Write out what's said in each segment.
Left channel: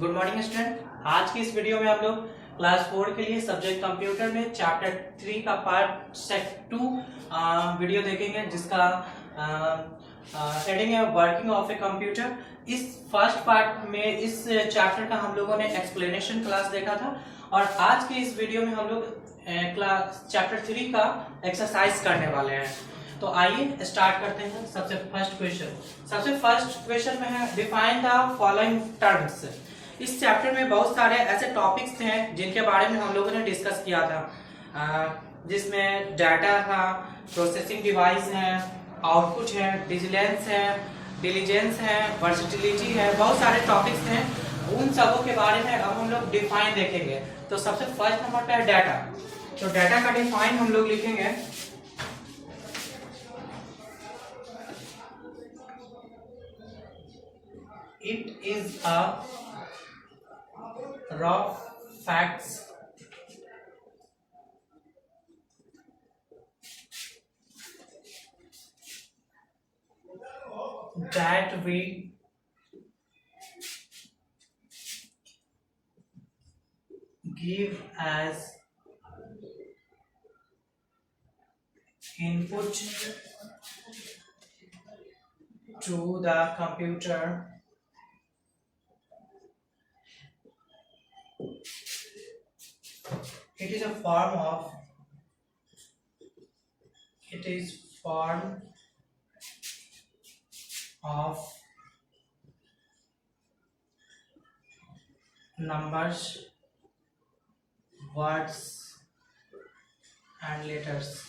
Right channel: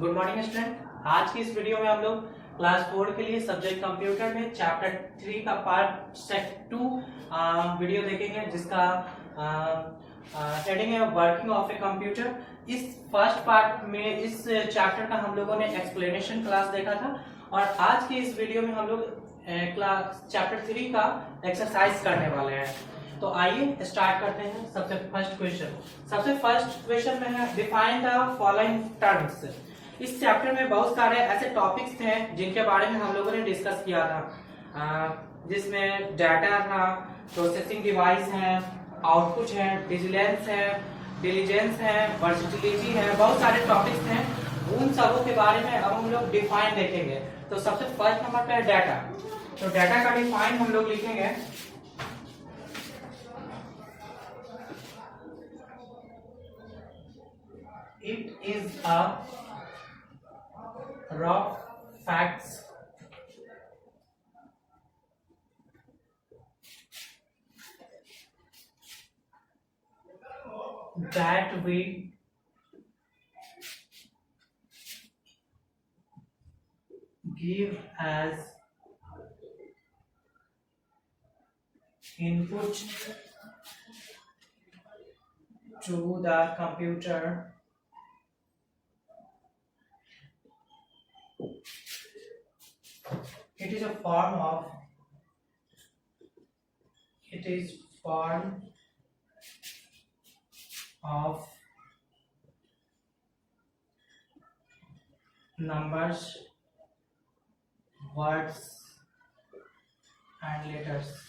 Good morning student. आज की इस वीडियो में हम लोग क्लास 4 के लिए सब्जेक्ट कंप्यूटर में चैप्टर 3 का पार्ट सेट 2 वीडियो देखेंगे, जिसका हेडिंग है वर्किंग ऑफ ए कंप्यूटर। इस फर्स्ट पार्ट में इस चैप्टर का हम लोगों ने एक्सप्लेनेशन क्लास देखा था, और आज के इस वीडियो में हम लोग क्लास चैप्टर 3 का एक्सरसाइज करने वाले हैं। तो आइए स्टार्ट करते हैं। सबसे फर्स्ट क्वेश्चन में है डिफाइन द फॉलोइंग टर्म्स। इस चैप्टर में बहुत सारे ऐसे टॉपिक्स हैं जिनके बारे में हम लोगों ने डिस्कस किया था, जिसमें डाटा था, प्रोसेसिंग डिवाइस है, आउटपुट है, डिलीजेंस है, वर्सेटिलिटी है, बहुत सारे टॉपिक्स हैं। उन सबों के बारे में अब हम लोग डिफाइन देखेंगे। तो सबसे फर्स्ट नंबर पे है डाटा। तो डाटा का डिफाइन हम लोग लिखेंगे it is a raw facts that we give as input to the computer it is form of numbers, words and letters.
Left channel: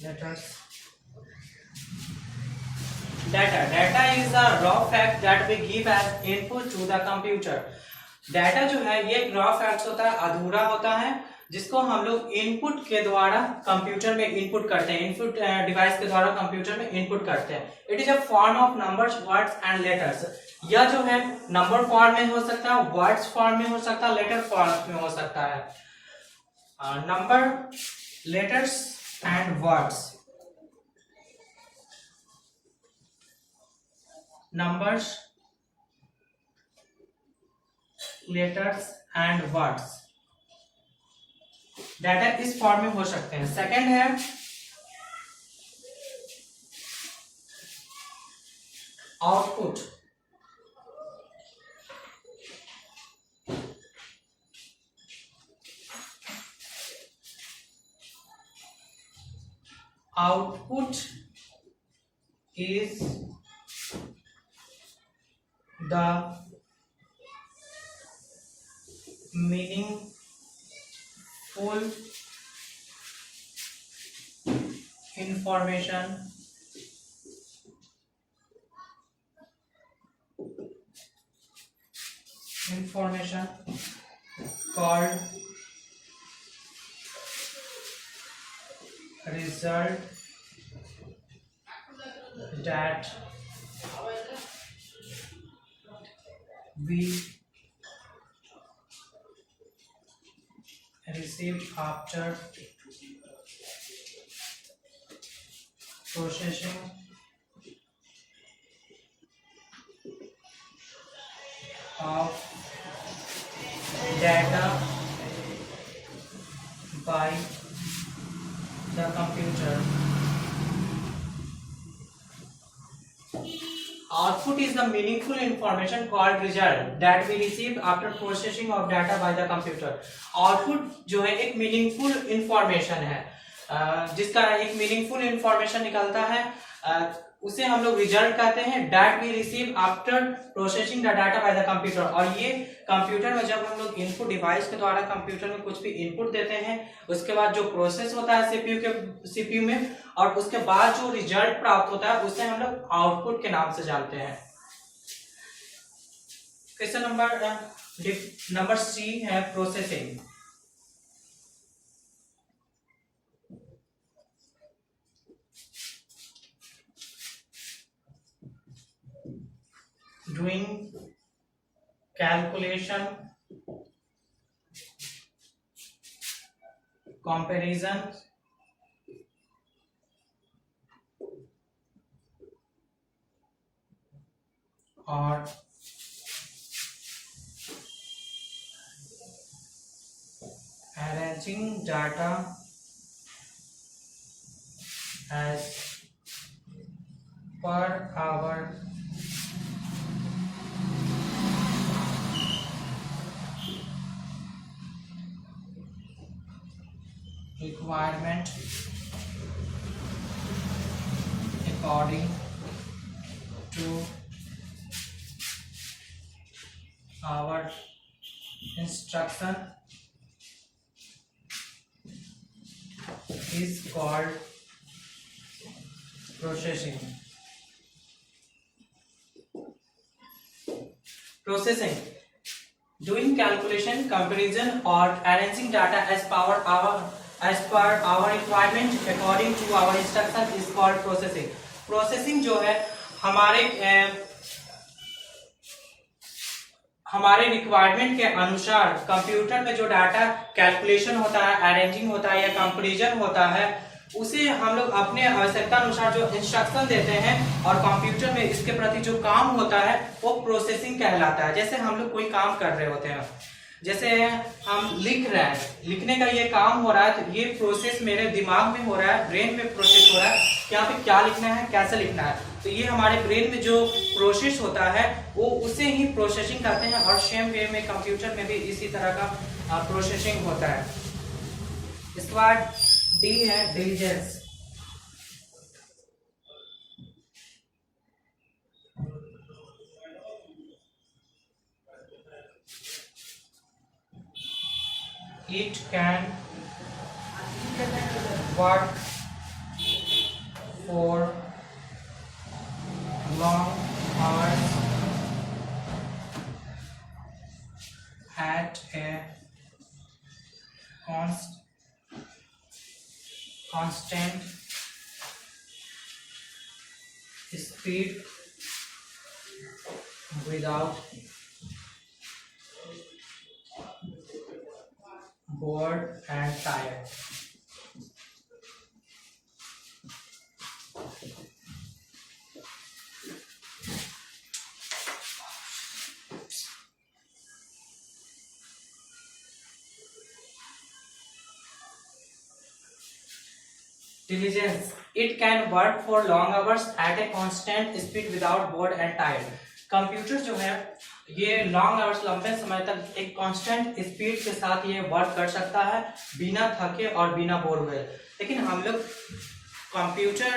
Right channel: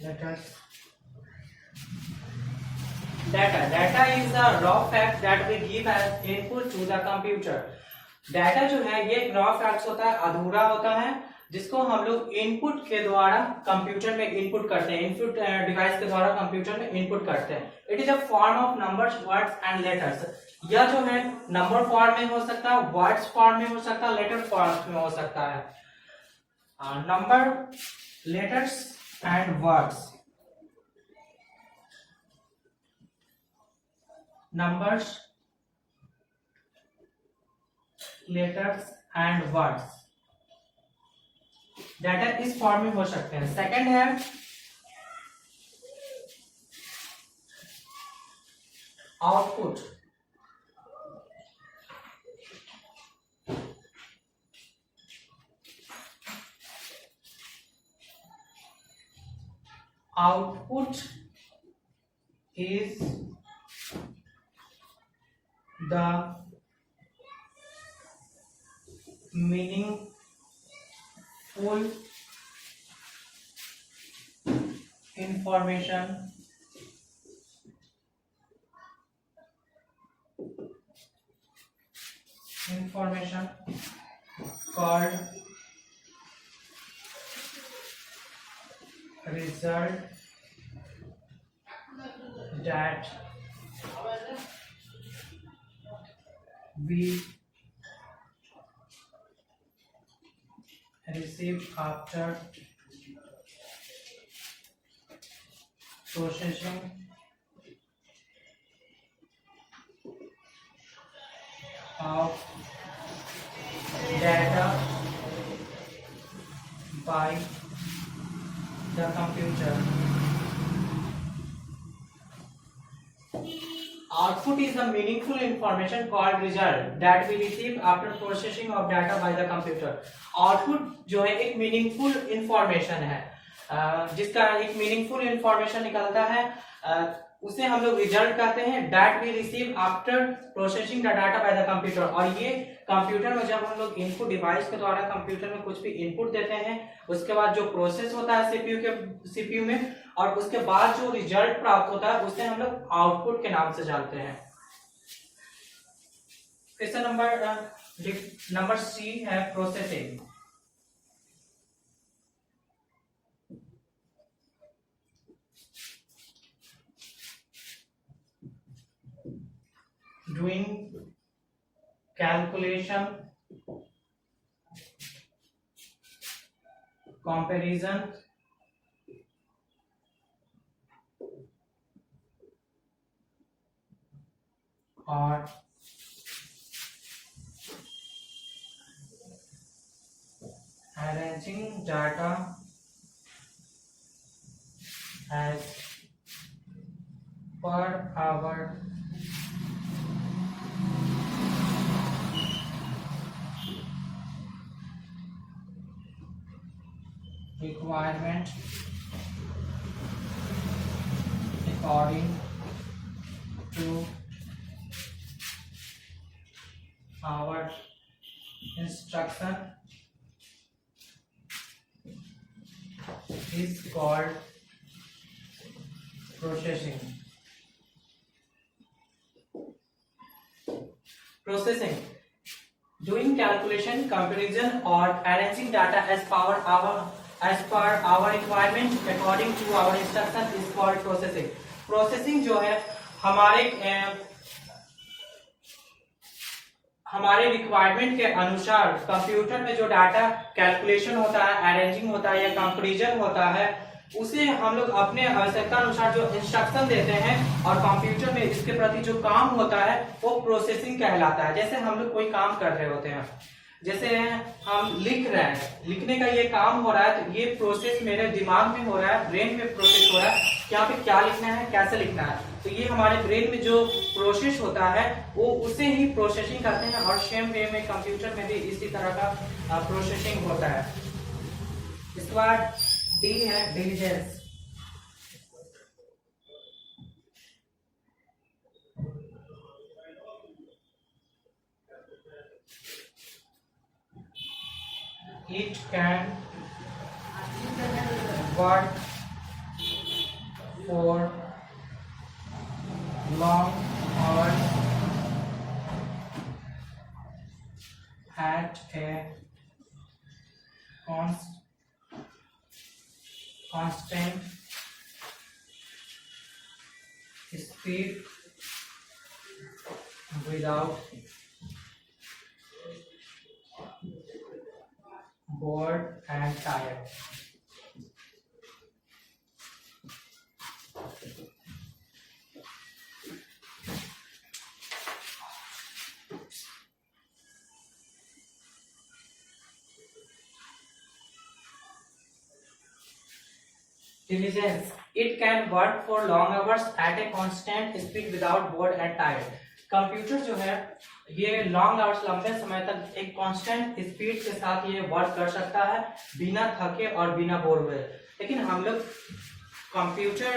Data is the raw fact that we give as input to the computer. Data जो है ये एक raw facts होता है, अधूरा होता है, जिसको हम लोग इनपुट के द्वारा कंप्यूटर में इनपुट करते हैं, इनपुट डिवाइस के द्वारा कंप्यूटर में इनपुट करते हैं। It is a form of numbers, words and letters. यह जो है नंबर फॉर्म में हो सकता है, वर्ड्स फॉर्म में हो सकता है, लेटर फॉर्म में हो सकता है। Number, letters and words. Numbers, letters and words data इस फॉर्म में हो सकते हैं। सेकंड है output. Output is the meaningful information called result that we receive after processing of data by the computer. Output is the meaningful information called result that we receive after processing of data by the computer. Output जो है एक meaningful information है, जिसका एक meaningful information निकलता है, उसे हम लोग रिजल्ट कहते हैं। that we receive after processing the data by the computer। और ये कंप्यूटर में जब हम लोग इनपुट डिवाइस के द्वारा कंप्यूटर में कुछ भी इनपुट देते हैं, उसके बाद जो प्रोसेस होता है सीपीयू में, और उसके बाद जो रिजल्ट प्राप्त होता है उसे हम लोग आउटपुट के नाम से जानते हैं। क्वेश्चन नंबर सी है प्रोसेसिंग। doing calculation, comparison, और arranging data as per our requirement according to our instruction is called processing. Processing, doing calculation, comparison or arranging data as per our requirement according to our instruction is called processing. Processing जो है हमारे requirement के अनुसार computer में जो data calculation होता है, arranging होता है या कंपैरिजन होता है, उसे हम लोग अपने आवश्यकता अनुसार जो इंस्ट्रक्शन देते हैं और कंप्यूटर में इसके प्रति जो काम होता है वो प्रोसेसिंग कहलाता है। जैसे हम लोग कोई काम कर रहे होते हैं, जैसे हम लिख रहे हैं, लिखने का ये काम हो रहा है, तो ये प्रोसेस मेरे दिमाग में हो रहा है, ब्रेन में प्रोसेस हो रहा है कि यहाँ पे क्या लिखना है, कैसे लिखना है। तो ये हमारे ब्रेन में जो प्रोसेस होता है वो उसे ही प्रोसेसिंग करते हैं और सेम वे में कंप्यूटर में भी इसी तरह का प्रोसेसिंग होता है। इसके बाद डी है diligence. It can work for long hours at a constant speed without bored and tired. Diligence, it can work for long hours at a constant speed without bored and tired. Computer जो है ये long hours, लंबे समय तक एक constant speed के साथ ये वर्क कर सकता है बिना थके और बिना बोर हुए। लेकिन हम लोग कंप्यूटर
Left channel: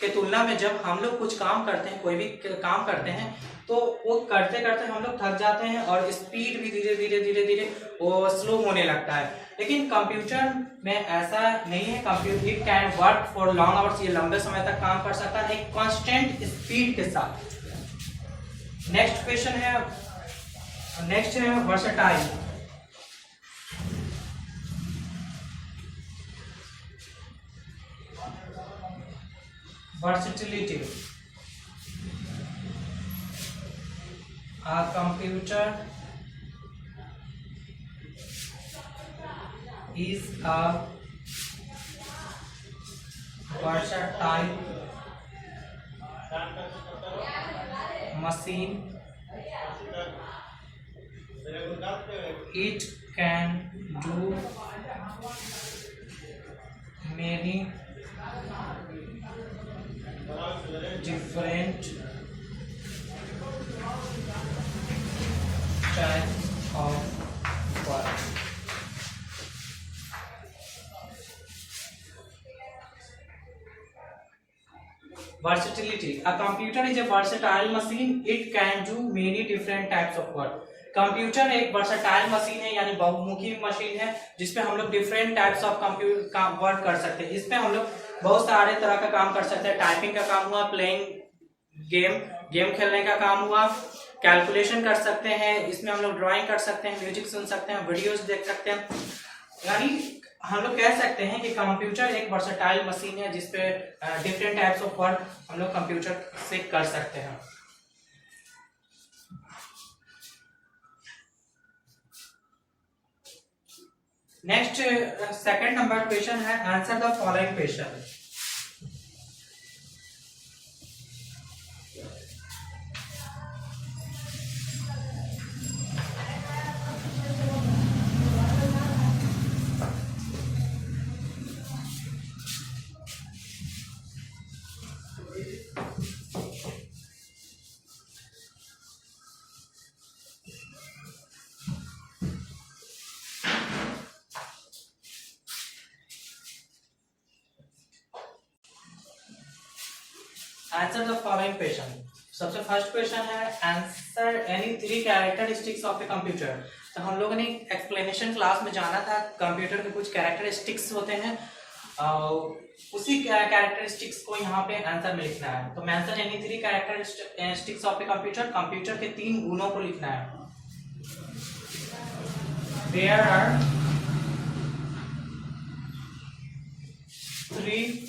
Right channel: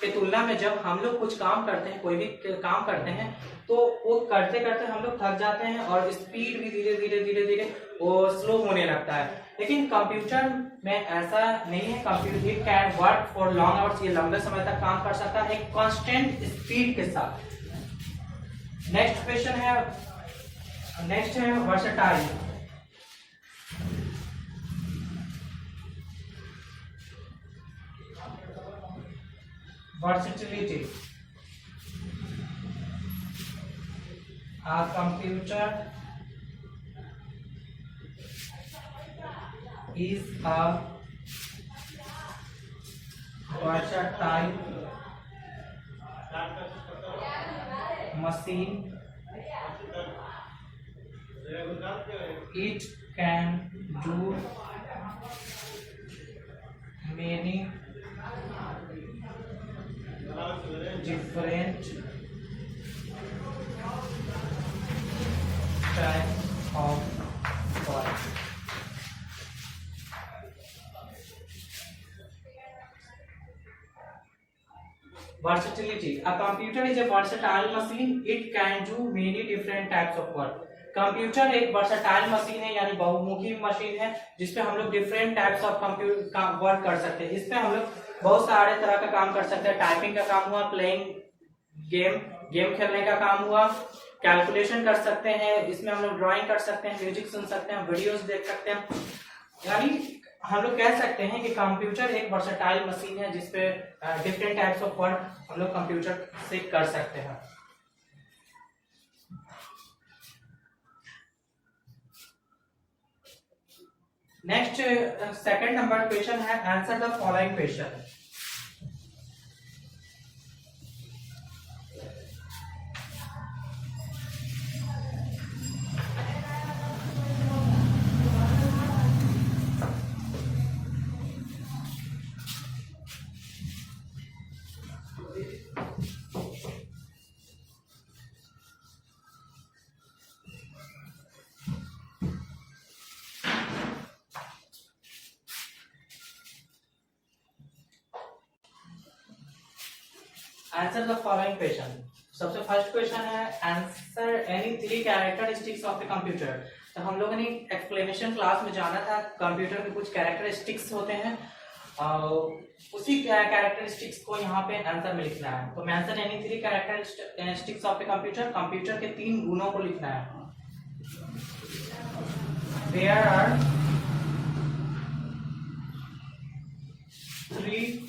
के तुलना में जब हम लोग कुछ काम करते हैं, कोई भी काम करते हैं, तो वो करते करते हम लोग थक जाते हैं और स्पीड भी धीरे धीरे वो स्लो होने लगता है। लेकिन कंप्यूटर में ऐसा नहीं है। Computer it can work for long hours, ये लंबे समय तक काम कर सकता है एक कांस्टेंट स्पीड के साथ। नेक्स्ट क्वेश्चन है, नेक्स्ट है versatile. versatility, a computer is a versatile machine. It can do many different types of work. Versatility, a computer is a versatile machine. It can do many different types of work. Computer एक versatile machine है, यानी बहुमुखी machine है जिसपे हम लोग different types of computer work कर सकते हैं। इसपे हम लोग बहुत सारे तरह का काम कर सकते हैं। टाइपिंग का काम हुआ, प्लेइंग गेम खेलने का काम हुआ, कैलकुलेशन कर सकते हैं, इसमें हम लोग ड्राइंग कर सकते हैं, म्यूजिक सुन सकते हैं, वीडियोस देख सकते हैं। यानी हम लोग कह सकते हैं कि कंप्यूटर एक वर्सेटाइल मशीन है जिसपे डिफरेंट टाइप्स ऑफ वर्क हम लोग कंप्यूटर से कर सकते हैं। नेक्स्ट सेकंड नंबर क्वेश्चन है, answer the following question. Answer the following question. सबसे फर्स्ट क्वेश्चन है answer any 3 characteristics of a computer. तो हम लोगों ने एक्सप्लेनेशन क्लास में जाना था कंप्यूटर के कुछ कैरेक्टरिस्टिक्स होते हैं, उसी कैरेक्टरिस्टिक्स को यहाँ पे आंसर में लिखना है। तो mention any 3 characteristics of a computer, computer के 3 गुणों को लिखना है। There are 3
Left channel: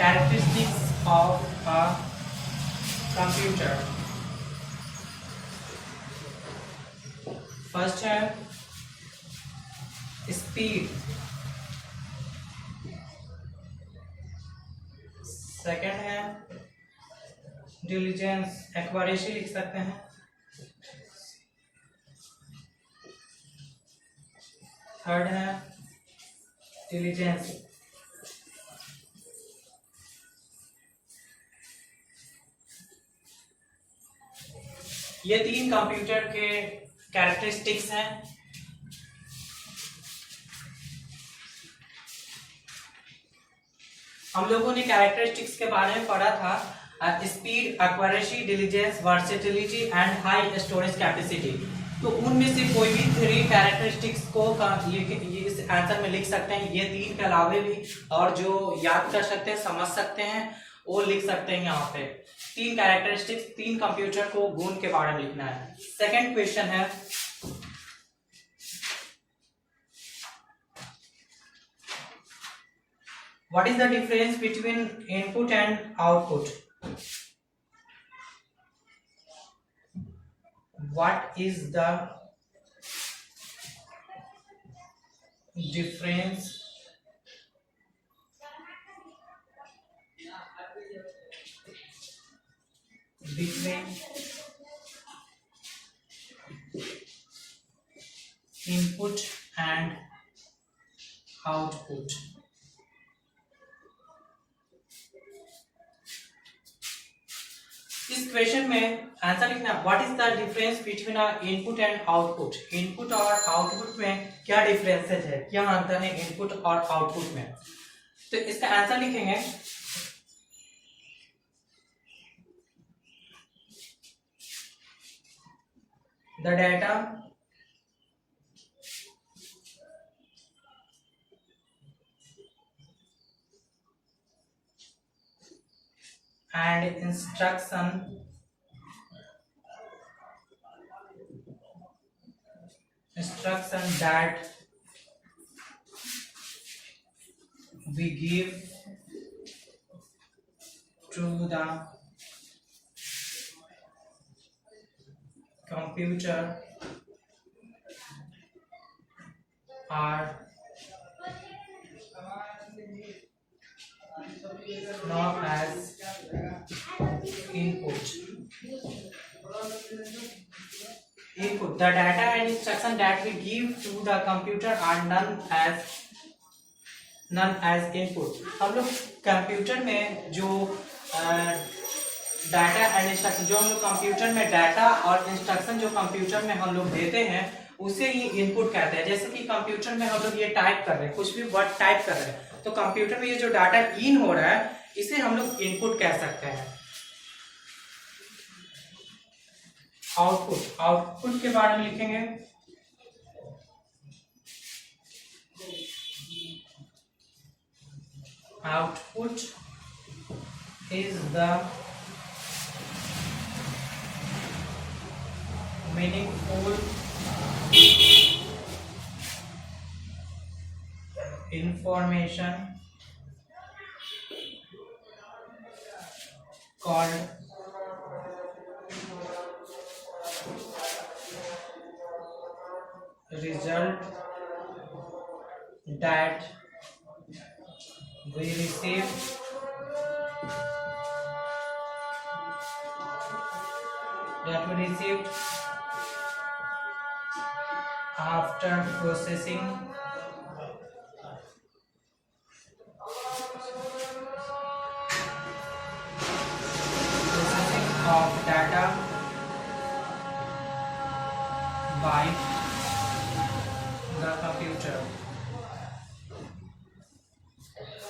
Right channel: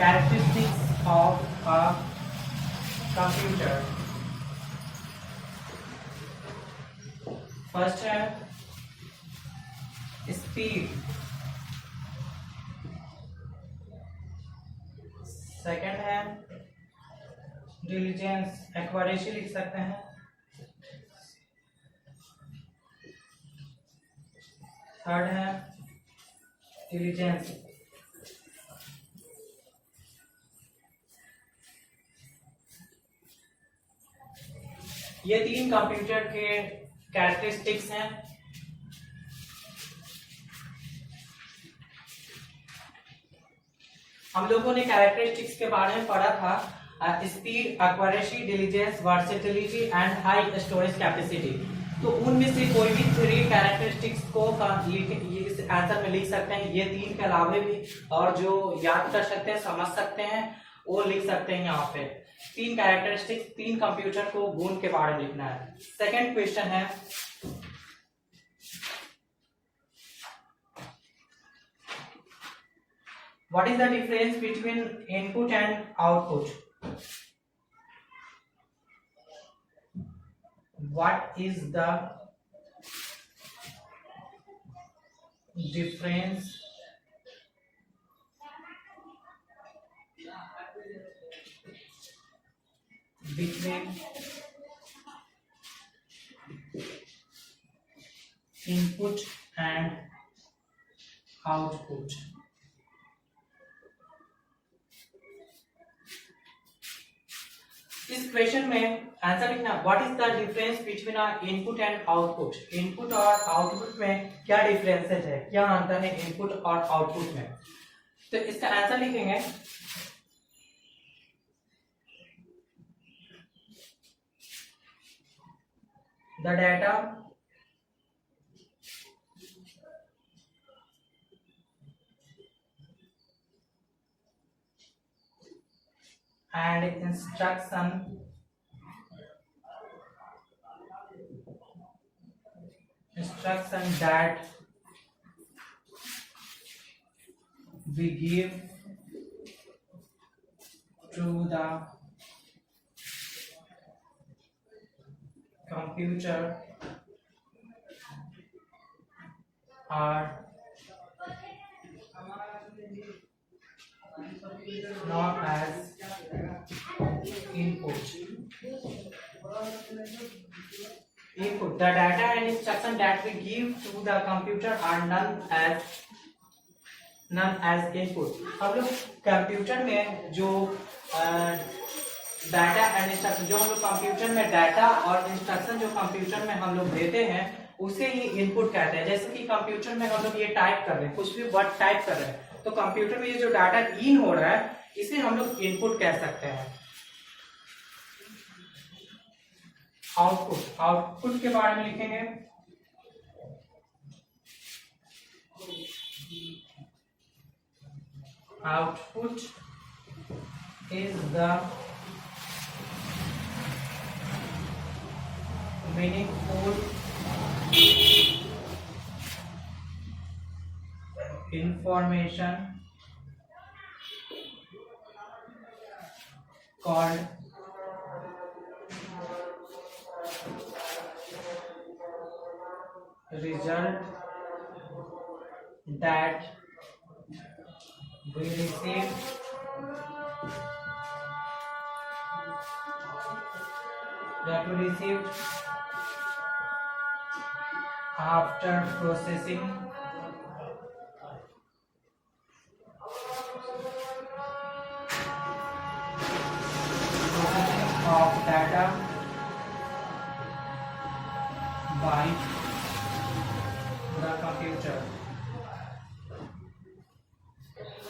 characteristics of a computer। First है स्पीड, सेकंड है डिलीजेंस, एक्यूरेसी लिख सकते हैं, थर्ड है डिलीजेंस। ये 3 कंप्यूटर के कैरेक्टरिस्टिक्स हैं। हम लोगों ने कैरेक्टरिस्टिक्स के बारे में पढ़ा था, speed, accuracy, diligence, versatility and high storage capacity. तो उनमें से कोई भी 3 कैरेक्टरिस्टिक्स को ये इस आंसर में लिख सकते हैं। ये 3 के अलावे भी और जो याद कर सकते हैं, समझ सकते हैं, वो लिख सकते हैं। यहाँ पे 3 कैरेक्टरिस्टिक्स, 3 कंप्यूटर को गुण के बारे में लिखना है। सेकंड क्वेश्चन है what is the difference between input and output? What is the difference between input and output? इस क्वेश्चन में आंसर लिखना है what is the difference between input and output. Input और आउटपुट में क्या डिफरेंसेस है, क्या अंतर है इनपुट और आउटपुट में। तो इसका आंसर लिखेंगे the data and instruction that we give to the computer are known as input. Input. The data and instruction that we give to the computer are known as input. हम लोग computer में जो data and instruction, जो हम लोग computer में data और instruction जो कंप्यूटर में हम लोग देते हैं उसे ही इनपुट कहते हैं। जैसे कि कंप्यूटर में हम लोग ये टाइप कर रहे हैं, कुछ भी वर्ड टाइप कर रहे हैं, तो कंप्यूटर में ये जो डाटा इन हो रहा है इसे हम लोग इनपुट कह सकते हैं। आउटपुट, आउटपुट के बारे में लिखेंगे output is the meaningful information called result that we received after processing of data by the computer.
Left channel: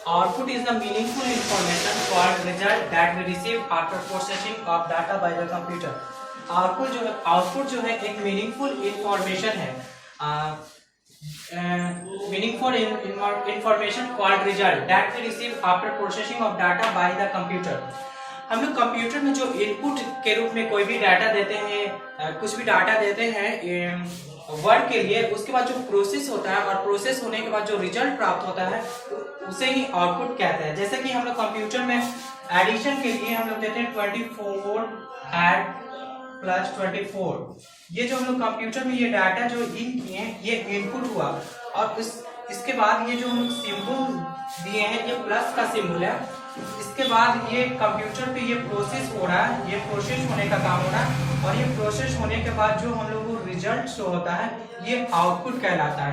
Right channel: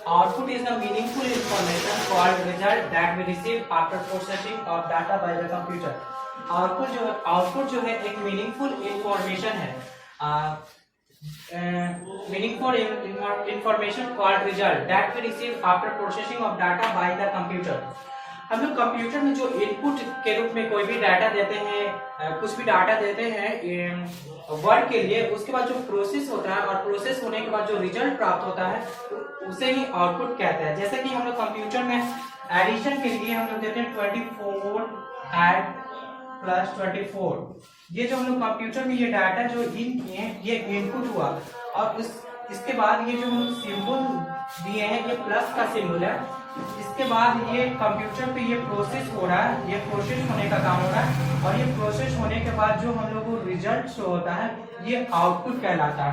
Output is the meaningful information called result that we receive after processing of data by the computer. Output जो है एक meaningful information है, meaningful information called result that we receive after processing of data by the computer. हम लोग computer में जो input के रूप में कोई भी डाटा देते हैं, कुछ भी डाटा देते हैं वर्ड के लिए, उसके बाद जो प्रोसेस होता है और प्रोसेस होने के बाद जो रिजल्ट प्राप्त होता है उसे ही आउटपुट कहते हैं। जैसे कि हम लोग कंप्यूटर में एडिशन के लिए हम लोग देते हैं 24 ऐड प्लस 24। ये जो हम लोग कंप्यूटर में ये डाटा जो इन किए ये इनपुट हुआ, और इसके बाद ये जो हम लोग सिंबल दिए हैं ये प्लस का सिंबल है। इसके बाद ये कंप्यूटर पे ये प्रोसेस हो रहा है, ये प्रोसेस होने का काम हो रहा है, और ये प्रोसेस होने के बाद जो हम लोग को रिजल्ट शो होता है ये आउटपुट कहलाता है।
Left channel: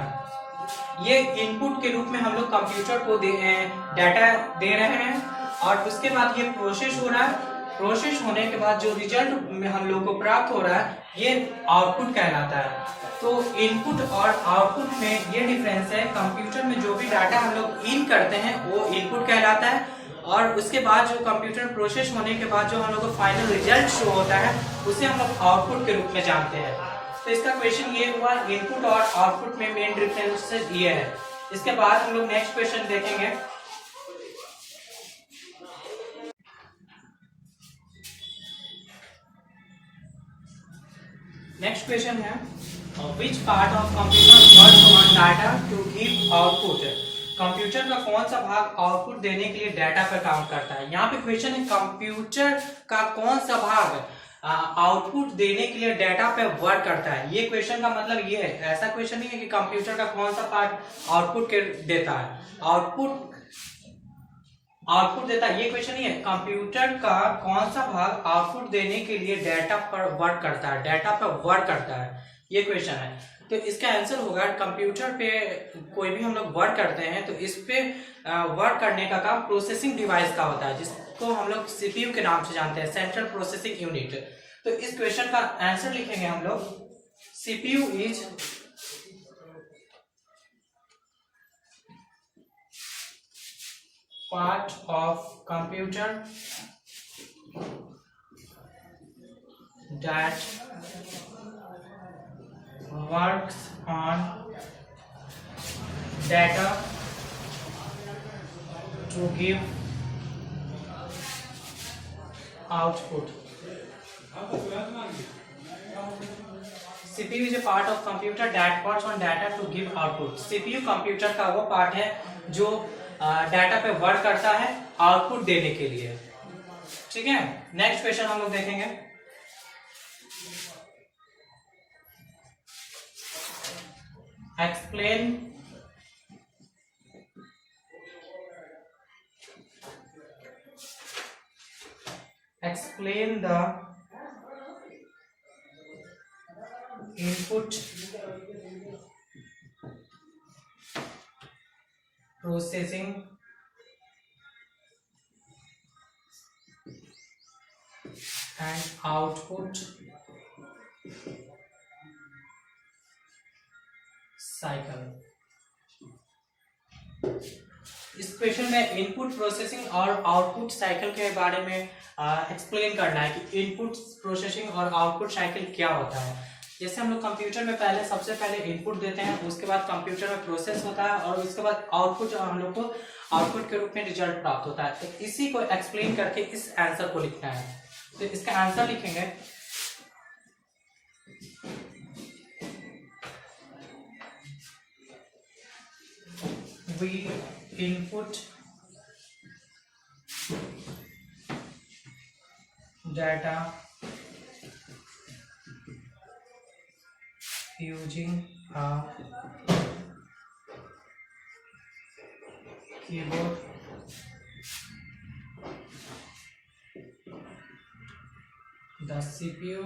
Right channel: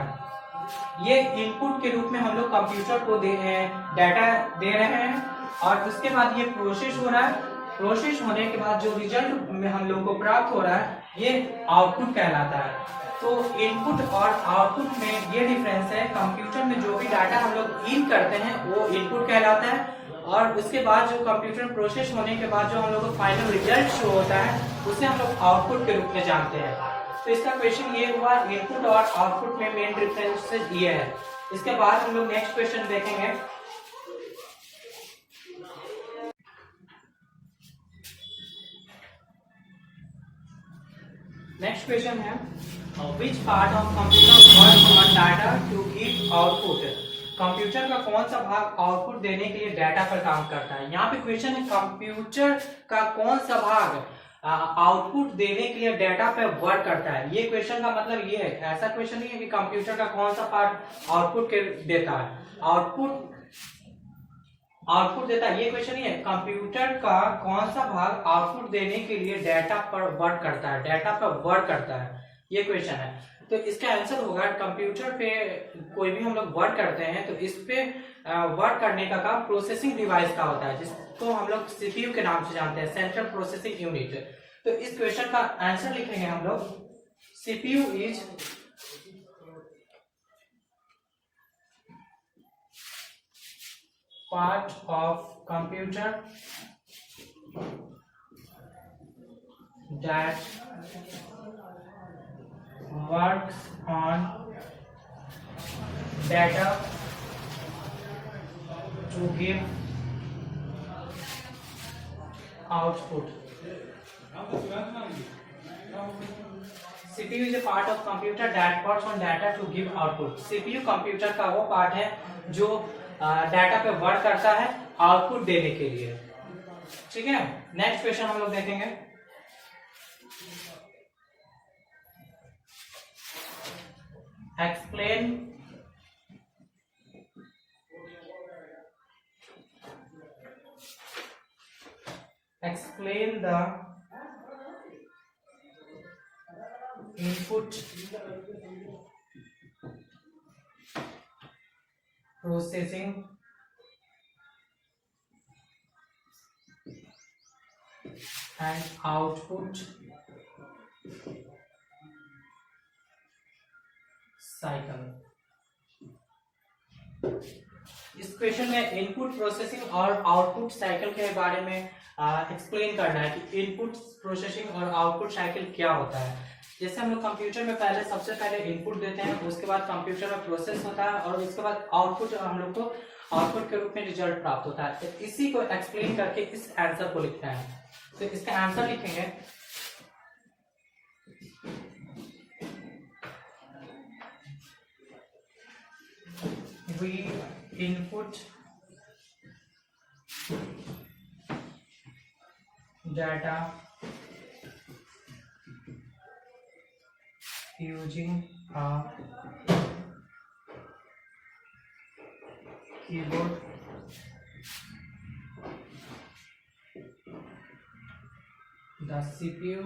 ये इनपुट के रूप में हम लोग कंप्यूटर को डाटा दे रहे हैं, और उसके बाद ये प्रोसेस हो रहा है। प्रोसेस होने के बाद जो रिजल्ट में हम लोग को प्राप्त हो रहा है ये आउटपुट कहलाता है। तो इनपुट और आउटपुट में ये डिफरेंस है। कंप्यूटर में जो भी डाटा हम लोग इन करते हैं वो इनपुट कहलाता है, और उसके बाद जो कंप्यूटर प्रोसेस होने के बाद जो हम लोग को फाइनल रिजल्ट शो होता है उसे हम लोग आउटपुट के रूप में जानते हैं। तो इसका क्वेश्चन ये हुआ, इनपुट और आउटपुट में मेन डिफरेंसेस ये है। इसके बाद हम लोग नेक्स्ट क्वेश्चन देखेंगे। नेक्स्ट क्वेश्चन है which part of computer work on data to give output. Computer का कौन सा भाग आउटपुट देने के लिए डाटा पर काम करता है। यहाँ पे क्वेश्चन है कंप्यूटर का कौन सा भाग आउटपुट देने के लिए डाटा पे वर्क करता है। ये क्वेश्चन का मतलब ये है, ऐसा क्वेश्चन नहीं है कि कंप्यूटर का कौन सा पार्ट आउटपुट के देता है, आउटपुट देता है, ये क्वेश्चन नहीं है। कंप्यूटर का कौन सा भाग आउटपुट देने के लिए डाटा पर वर्क करता है, डाटा पर वर्क करता है, ये क्वेश्चन है। तो इसका आंसर होगा कंप्यूटर पे कोई भी हम लोग वर्क करते हैं तो इस पे वर्क करने का काम प्रोसेसिंग डिवाइस का होता है, जिसको हम लोग सीपीयू के नाम से जानते हैं, सेंट्रल प्रोसेसिंग यूनिट। तो इस क्वेश्चन का आंसर लिखेंगे हम लोग, CPU is part of computer that works on data to give output. CPU is a part of computer that works on data to give output. CPU computer का वो part है जो डाटा पे work करता है आउटपुट देने के लिए। ठीक है, नेक्स्ट क्वेश्चन हम लोग देखेंगे। Explain the input processing and output cycle। इस क्वेश्चन में इनपुट प्रोसेसिंग और आउटपुट साइकिल के बारे में एक्सप्लेन करना है कि इनपुट प्रोसेसिंग और आउटपुट साइकिल क्या होता है। जैसे हम लोग कंप्यूटर में सबसे पहले इनपुट देते हैं, उसके बाद कंप्यूटर में प्रोसेस होता है, और इसके बाद आउटपुट हम लोग को आउटपुट के रूप में रिजल्ट प्राप्त होता है। तो इसी को एक्सप्लेन करके इस आंसर को लिखना है। तो इसका आंसर लिखेंगे, we input data using a keyboard the CPU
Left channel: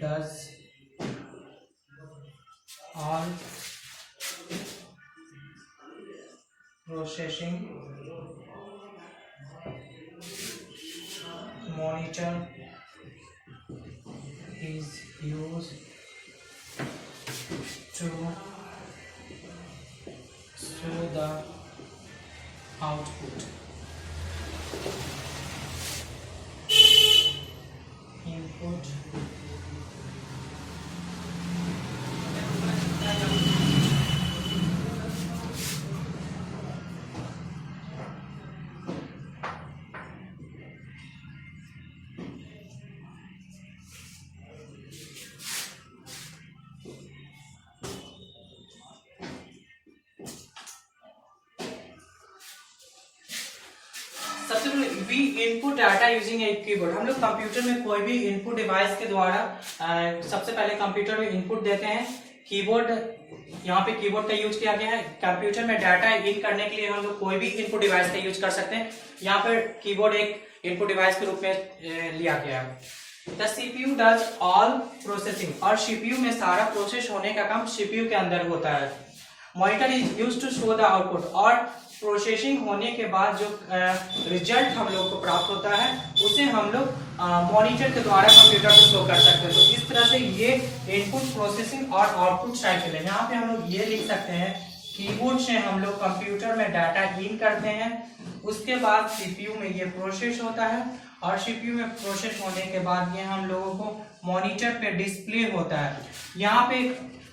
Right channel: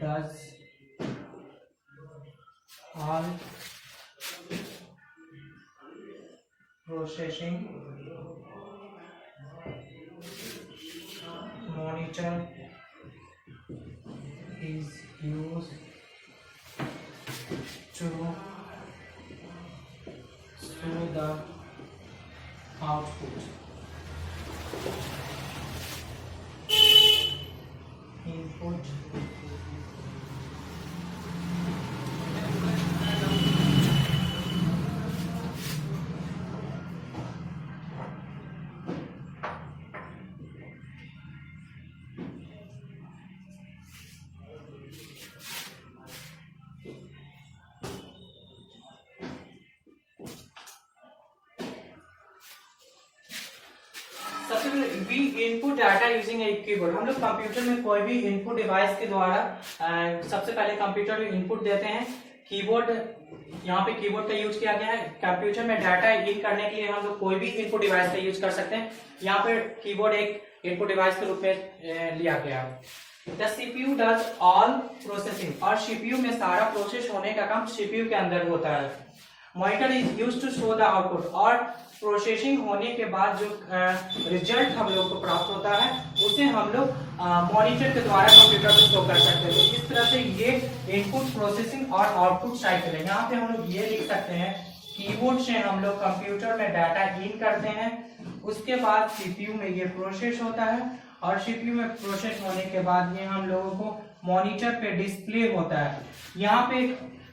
does all processing, monitor is used to show the output. Input सबसे पहले we input data using a keyboard. हम लोग कंप्यूटर में कोई भी इनपुट डिवाइस के द्वारा सबसे पहले कंप्यूटर में इनपुट देते हैं। कीबोर्ड, यहाँ पे कीबोर्ड का यूज किया गया है। कंप्यूटर में डाटा इन करने के लिए हम लोग कोई भी इनपुट डिवाइस का यूज कर सकते हैं। यहाँ पर कीबोर्ड एक इनपुट डिवाइस के रूप में लिया गया है। The CPU does all processing, और सीपीयू में सारा प्रोसेस होने का काम सीपीयू के अंदर होता है। Monitor is used to show the output, और प्रोसेसिंग होने के बाद जो रिजल्ट हम लोग को प्राप्त होता है उसे हम लोग मॉनिटर के द्वारा कंप्यूटर में शो कर सकते हैं। तो इस तरह से ये इनपुट प्रोसेसिंग और आउटपुट साइकिल है। यहाँ पे हम लोग ये लिख सकते हैं, कीबोर्ड से हम लोग कंप्यूटर में डाटा इन करते हैं, उसके बाद सीपीयू में ये प्रोसेस होता है, और सीपीयू में प्रोसेस होने के बाद ये हम लोगों को मॉनिटर पे डिस्प्ले होता है। यहाँ पे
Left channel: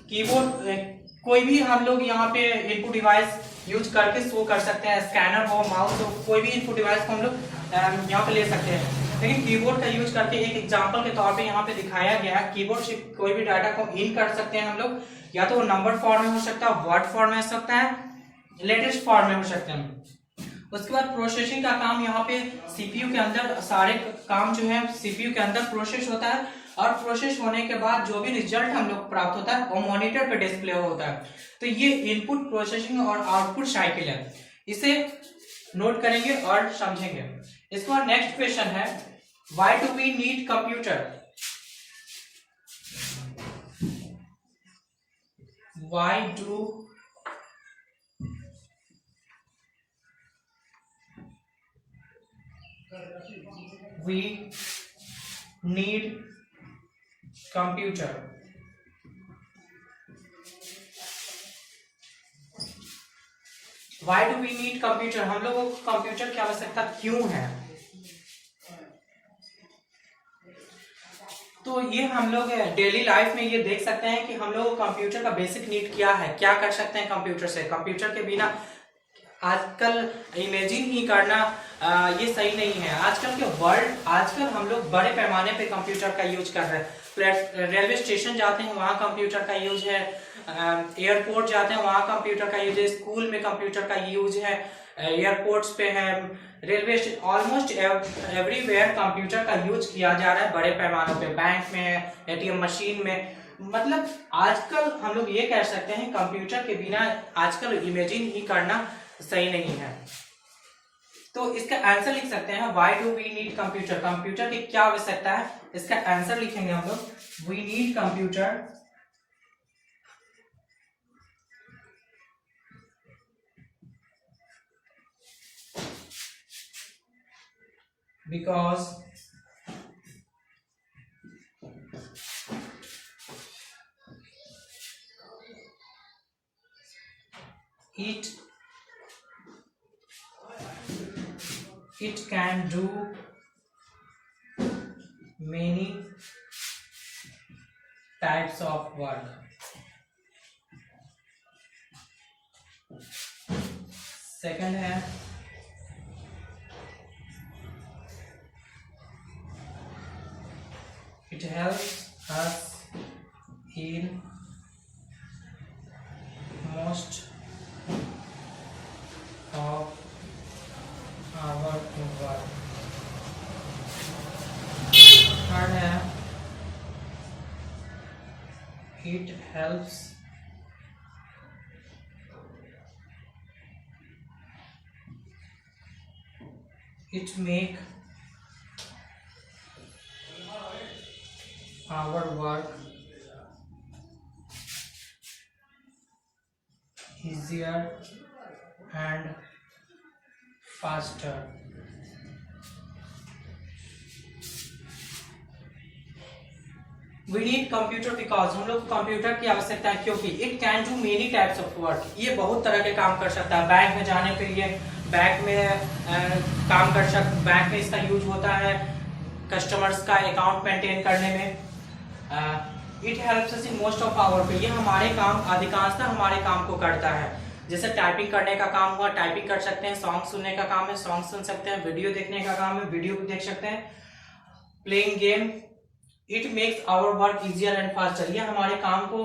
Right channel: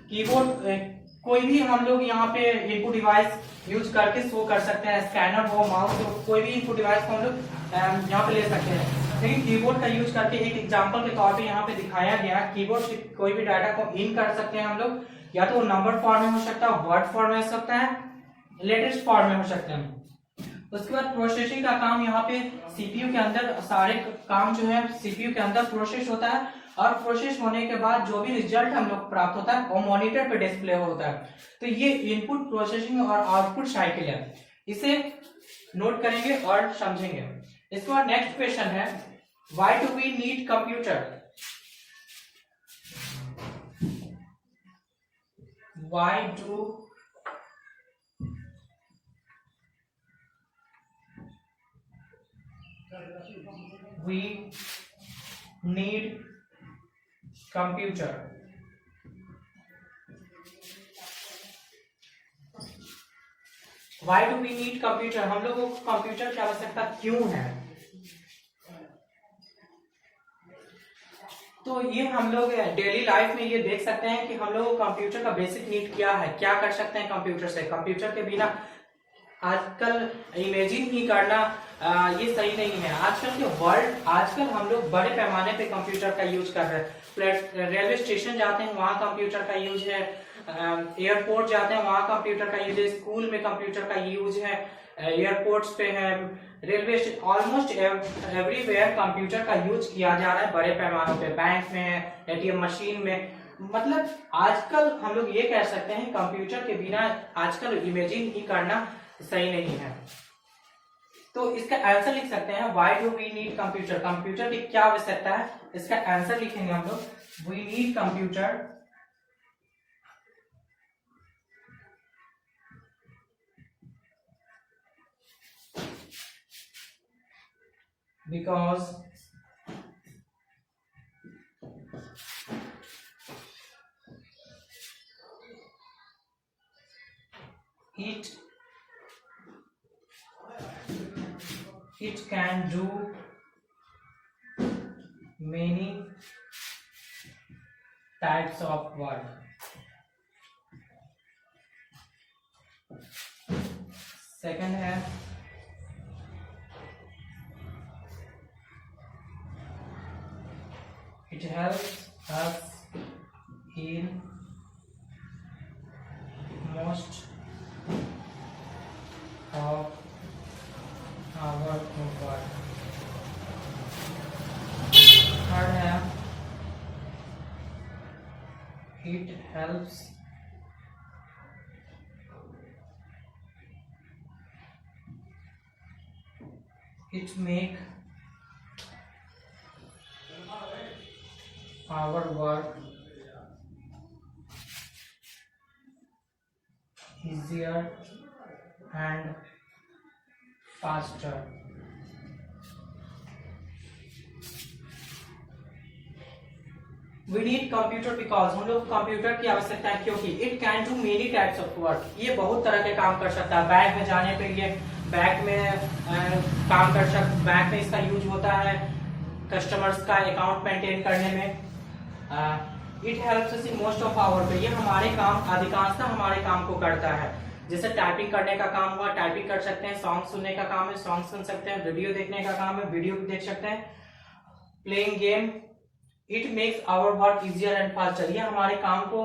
कीबोर्ड कोई भी हम लोग यहाँ पे इनपुट डिवाइस यूज करके शो कर सकते हैं। स्कैनर हो, माउस हो, कोई भी इनपुट डिवाइस को हम लोग यहाँ पे ले सकते हैं। लेकिन कीबोर्ड का यूज करके एक एग्जांपल के तौर पे यहाँ पे दिखाया गया, कीबोर्ड से कोई भी डाटा को इन कर सकते हैं हम लोग, या तो वो नंबर फॉर्म में हो सकता है, वर्ड फॉर्म में हो सकता है, लेटेस्ट फॉर्म में हो सकते हैं। उसके बाद प्रोसेसिंग का काम यहाँ पे सीपीयू के अंदर, सारे काम जो है सीपीयू के अंदर प्रोसेस होता है, और प्रोसेस होने के बाद जो भी रिजल्ट हम लोग प्राप्त होता है वो मॉनिटर पे डिस्प्ले होता है। तो ये इनपुट प्रोसेसिंग और आउटपुट साइकिल है, इसे नोट करेंगे और समझेंगे। इसके बाद नेक्स्ट क्वेश्चन है, why do we need computer? Why do we need computer? Why do we need computer? हम लोगों को कंप्यूटर की आवश्यकता क्यों है? तो ये हम लोग डेली लाइफ में ये देख सकते हैं कि हम लोग कंप्यूटर का बेसिक नीड क्या है, क्या कर सकते हैं कंप्यूटर से। कंप्यूटर के बिना आजकल इमेजिन ही करना ये सही नहीं है। आजकल के वर्ल्ड, आजकल हम लोग बड़े पैमाने पे कंप्यूटर का यूज कर रहे हैं। रेलवे स्टेशन जाते हैं वहाँ कंप्यूटर का यूज है, एयरपोर्ट जाते हैं वहाँ कंप्यूटर का यूज है, स्कूल में कंप्यूटर का यूज है, एयरपोर्ट्स पे है, रेलवे ऑलमोस्ट एवरीवेयर कंप्यूटर का यूज किया जा रहा है बड़े पैमानों पे। बैंक में, एटीएम मशीन में, मतलब आजकल हम लोग ये कह सकते हैं कंप्यूटर के बिना आजकल इमेजिन ही करना सही नहीं है। तो इसका आंसर लिख सकते हैं, why do we need computer? Computer की क्या आवश्यकता है, इसका आंसर लिखेंगे हम लोग, we need computer because it can do many types of work. Second है, it helps us in most of our work. Third है, it helps it make our work easier and faster. We need computer because हम लोग computer की आवश्यकता है क्योंकि it can do many types of work, ये बहुत तरह के काम कर सकता है। बैंक में जाने के लिए बैंक में काम कर सकता, बैंक में इसका यूज होता है कस्टमर्स का अकाउंट मेंटेन करने में। It helps us in most of our, ये हमारे काम अधिकांशतः हमारे काम को करता है। जैसे टाइपिंग करने का काम हुआ, टाइपिंग कर सकते हैं। सॉन्ग सुनने का काम है, सॉन्ग सुन सकते हैं। वीडियो देखने का काम है, वीडियो देख सकते हैं। Playing game, it makes our work easier and faster, ये हमारे काम को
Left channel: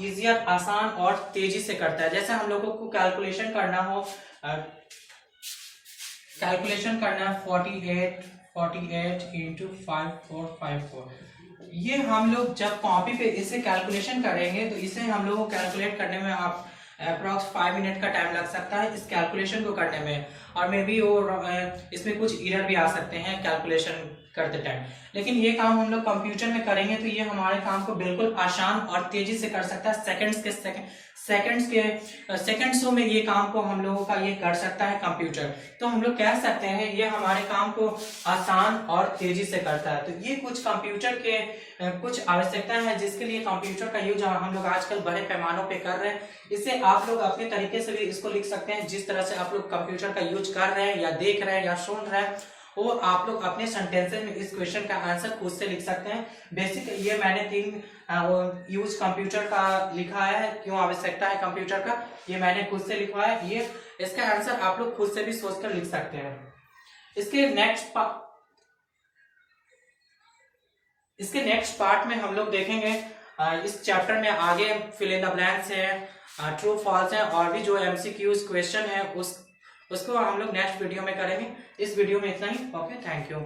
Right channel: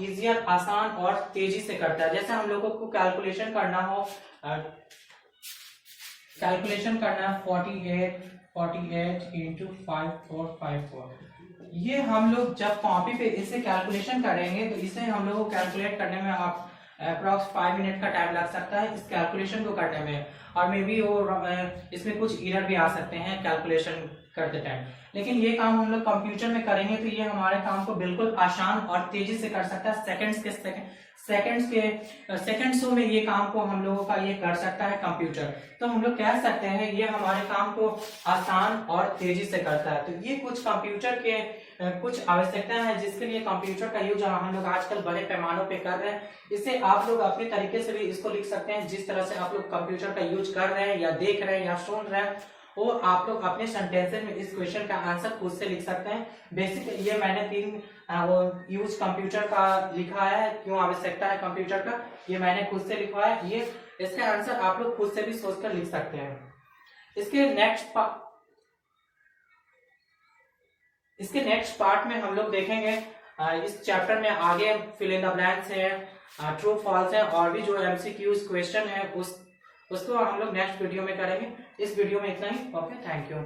इजियर, आसान और तेजी से करता है। जैसे हम लोगों को कैलकुलेशन करना हो, कैलकुलेशन करना 48 इंटू 5454, ये हम लोग जब कॉपी पे इसे कैलकुलेशन करेंगे तो इसे हम लोग को कैलकुलेट करने में आप अप्रॉक्स 5 मिनट का टाइम लग सकता है इस कैलकुलेशन को करने में। और मे बी वो इसमें कुछ एरर भी आ सकते हैं कैलकुलेशन करते टाइम। लेकिन ये काम हम लोग कंप्यूटर में करेंगे तो ये हमारे काम को बिल्कुल आसान और तेजी से कर सकता है। सेकंड्सों में ये काम को हम लोगों का ये कर सकता है कंप्यूटर। तो हम लोग कह सकते हैं ये हमारे काम को आसान और तेजी से करता है। तो ये कुछ कंप्यूटर के कुछ आवश्यकताएं हैं जिसके लिए कंप्यूटर का यूज हम लोग आजकल बड़े पैमानों पे कर रहे हैं। इसे आप लोग अपने तरीके से भी इसको लिख सकते हैं, जिस तरह से आप लोग कंप्यूटर का यूज कर रहे हैं या देख रहे हैं या सुन रहे हैं, वो आप लोग अपने सेंटेंसेस में इस क्वेश्चन का आंसर खुद से लिख सकते हैं। बेसिक ये मैंने 3 यूज कंप्यूटर का लिखा है, क्यों आवश्यकता है कंप्यूटर का, ये मैंने खुद से लिखा है। ये इसका आंसर आप लोग खुद से भी सोचकर लिख सकते हैं। इसके नेक्स्ट पार्ट में हम लोग देखेंगे इस चैप्टर में आगे फिल इन द ब्लैंक्स है, ट्रू फॉल्स है, और भी जो एमसीक्यूज क्वेश्चन है उसको हम लोग नेक्स्ट वीडियो में करेंगे। इस वीडियो में इतना ही। Okay, thank you.